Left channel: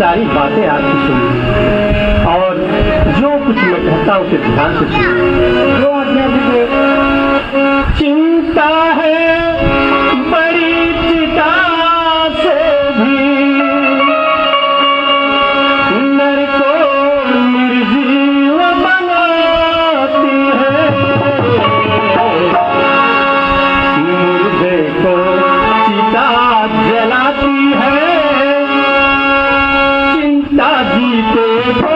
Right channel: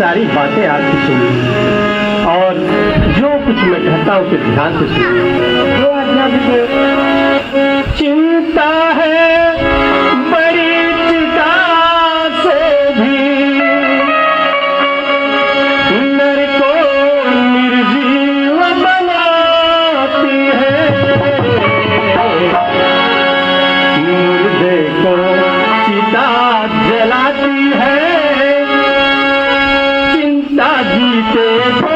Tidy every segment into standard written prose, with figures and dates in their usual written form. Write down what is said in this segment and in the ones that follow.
सारी बातें आपकी सुनी और जो कुछ मैं कहता हूँ उसे ध्यान से सुनिए। जो आज्ञा गुरुदेव। चिंता है बड़ी चिता से भी नर को निर्जीव बनाती है, मुर्दे को चिता जलाती है, चिंता जीते को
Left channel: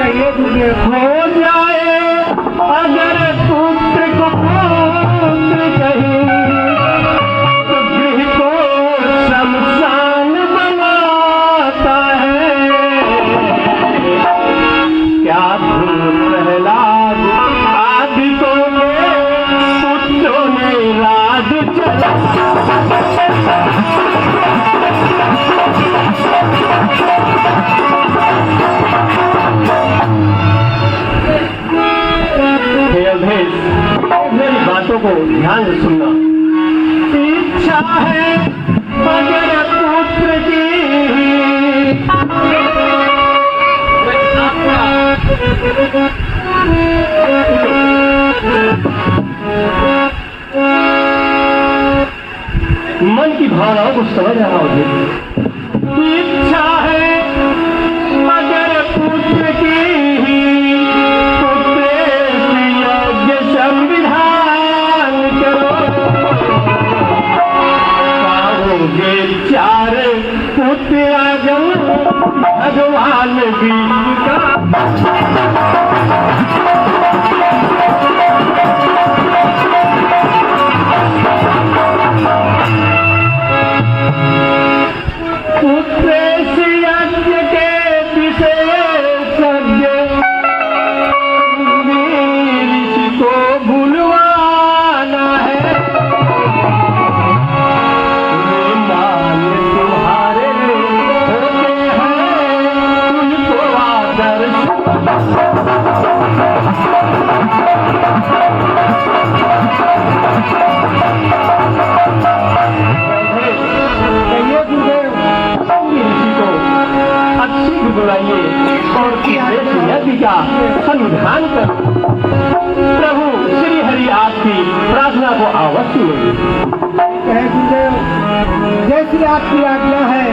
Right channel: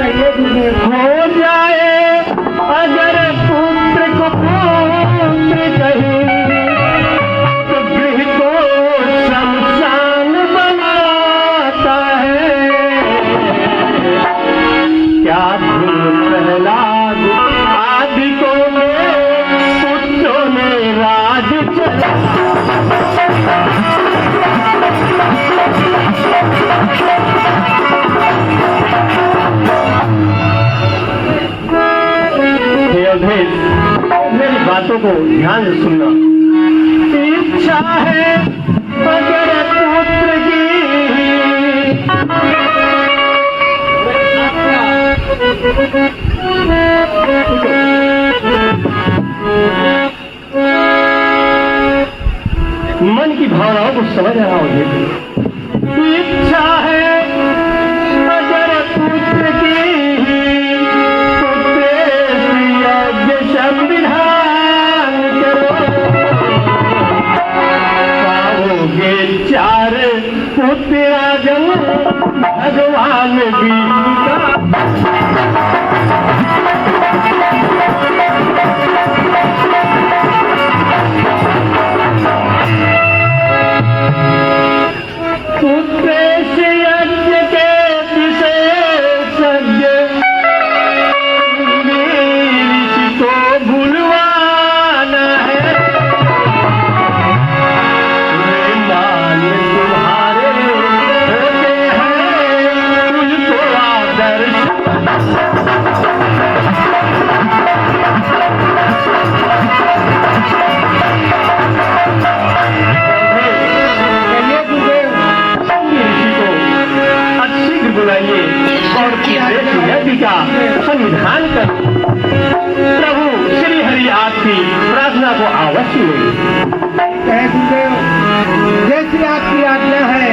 कहिए गुरुदेव। हो जाए अगर पुत्र को पुत्र कहीं तो गृह को शमशान बनाता है। क्या धुन प्रहलाद आदि को पुत्रों ने राज चला। मेरी बातों को ध्यान से सुनना। इच्छा है अगर पुत्र की मन की भावनाओं को समझ रहा हूँ। इच्छा है अगर पुत्र की संविधान करो, पाओगे चार पुत्र आजम भगवान जी का। पुत्र यज्ञ के विशेषज्ञ भूलवाना है, मान तुम्हारे होते हैं तुझको आदर्श। ऋषि को अतिशीघ्र बुलाइए और यज्ञ का संविधान कर। प्रभु श्री हरि आपकी प्रार्थना को अवश्य लेंगे। गुरुदेव जैसी आपकी आज्ञा है